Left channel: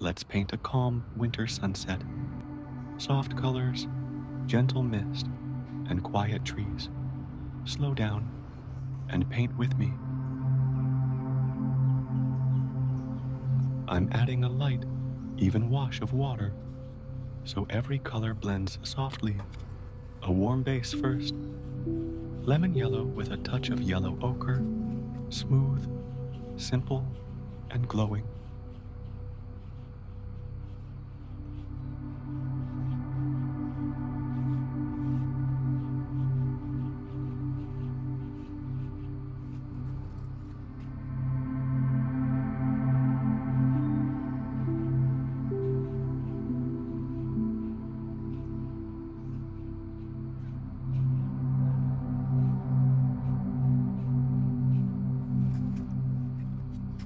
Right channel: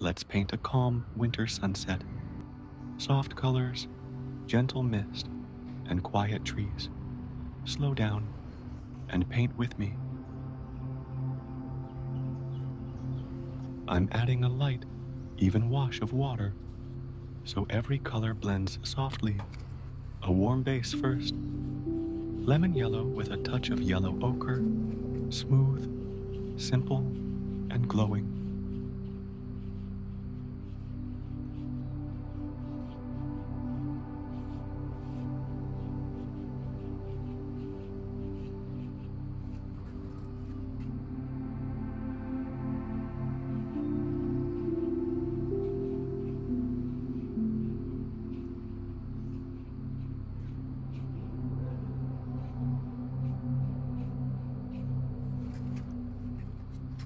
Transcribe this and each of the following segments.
Let's paint a calm winter sunset. Soft colors, gentle mist, and quiet trees. Slow down and paint with me. I'm adding a light, even wash of water, so every color blends softly. A warm base first. Lemon yellow with a touch of yellow ochre, smooth, simple, and glowing.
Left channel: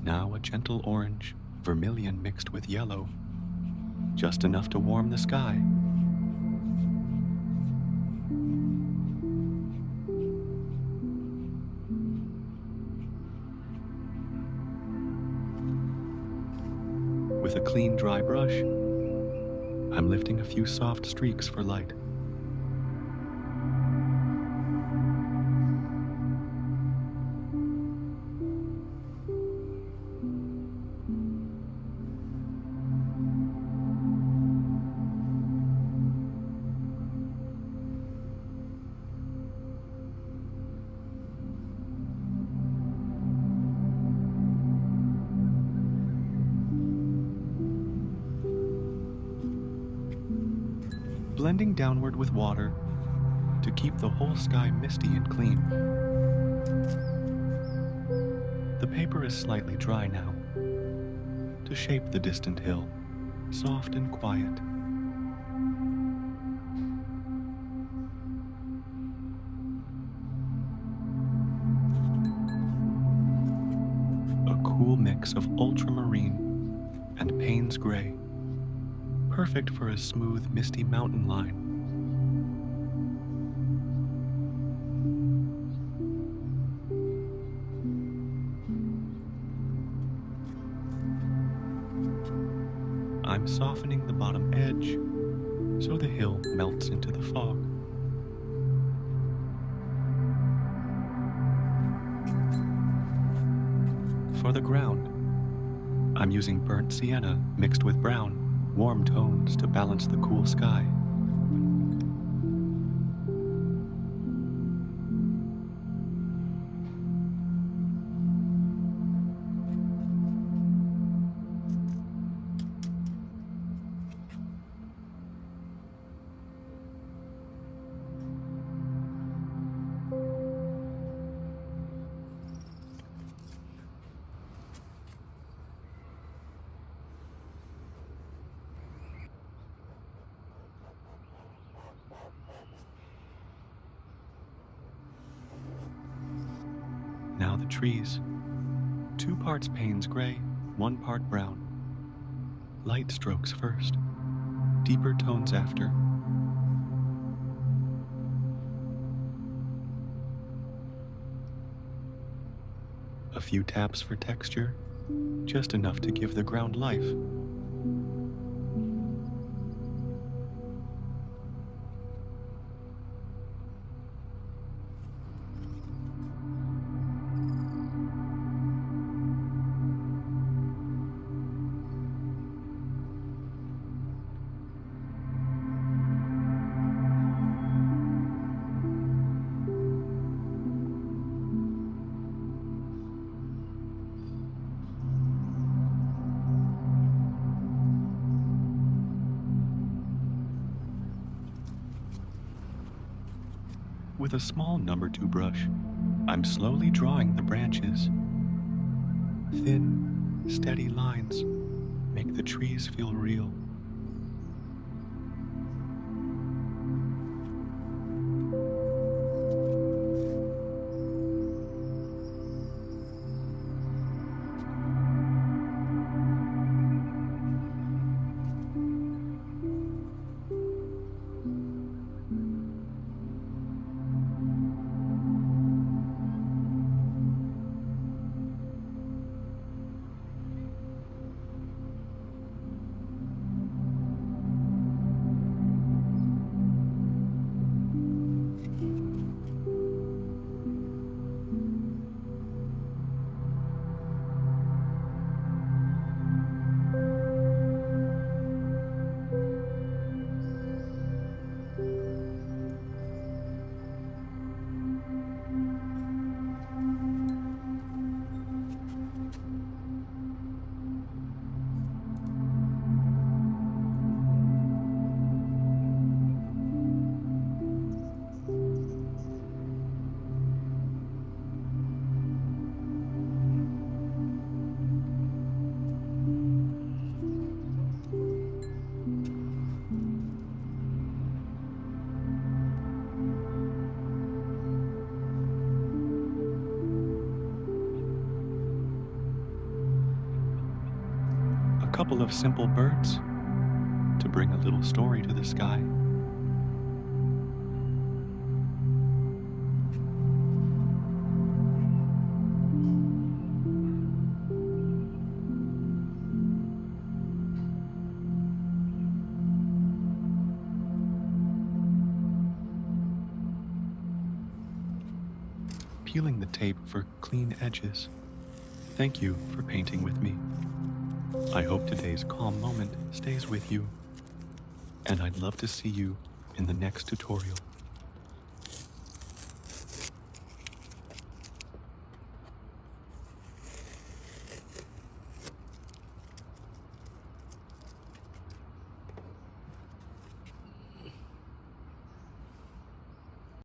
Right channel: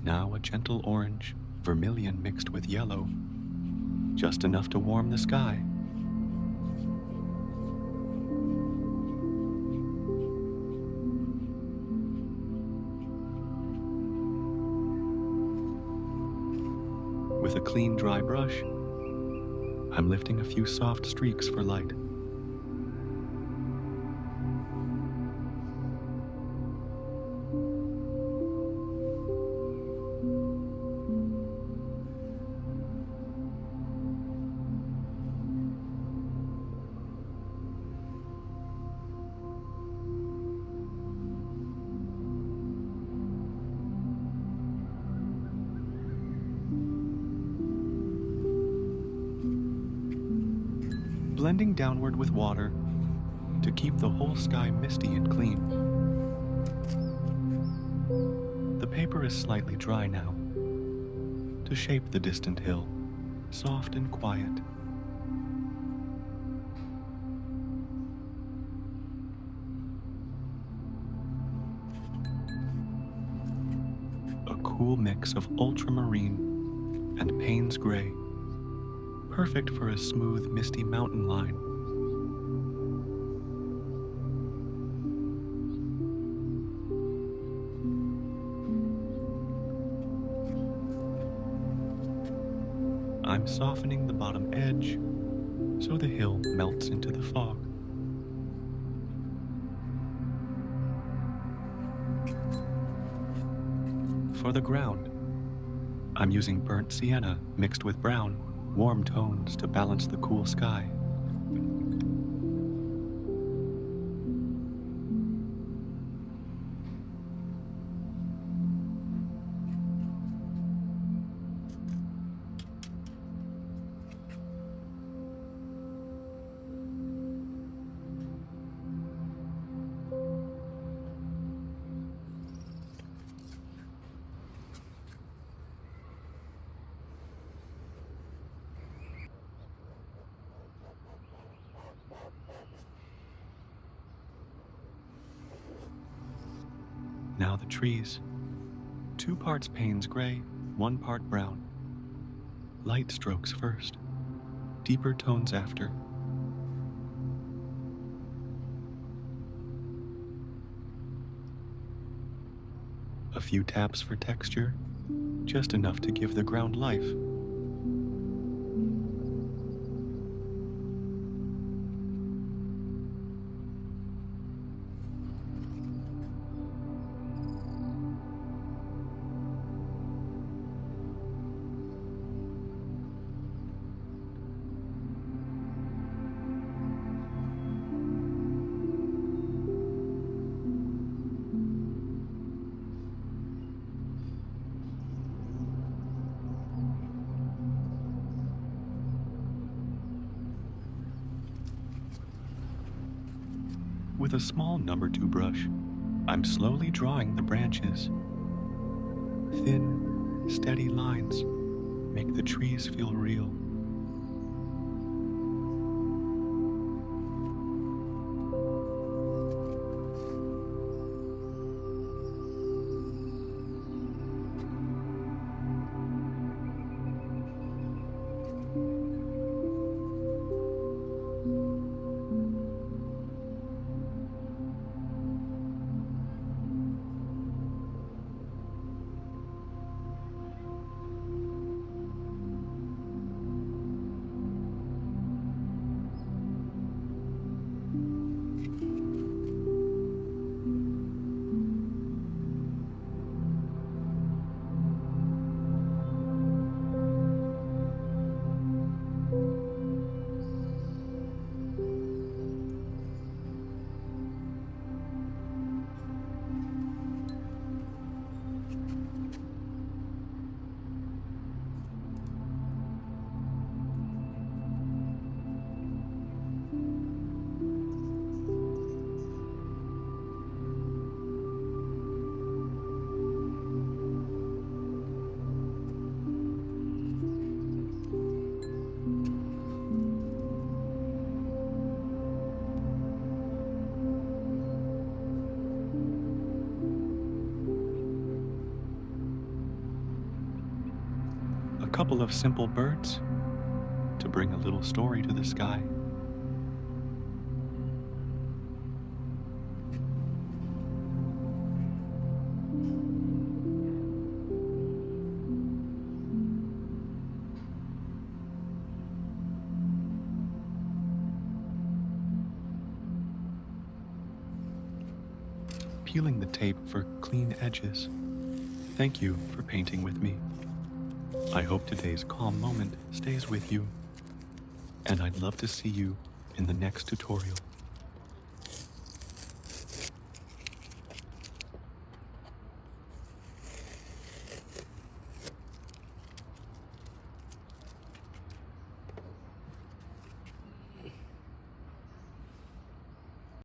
Now a gentle orange, vermilion mixed with yellow, just enough to warm the sky. With a clean, dry brush, I'm lifting a few soft streaks for light. Blending downward with water to keep the whole sky misty and clean. The paper is slightly dry now, to shape the distant hill, soft and quiet. A cool mix of ultramarine and Payne's gray, perfect for a smooth, misty mountain line. I'm softening the bottom edge so the hill melts into the fog. For the ground, I'm using burnt sienna mixed with brown, warm tones to balance the cool sky. Now the trees. 2 parts Payne's gray, 1 part brown. Light strokes first, deeper tones after. A few taps for texture, just enough to give the ground life. With a small number 2 brush, I'm slowly drawing the branches. Thin, steady lines make the trees feel real. couple of simple birds to bring a little story to the sky. Peeling the tape for clean edges. Thank you for painting with me. I hope today's calm moment stays with you, and I'd love to see you in the next tutorial.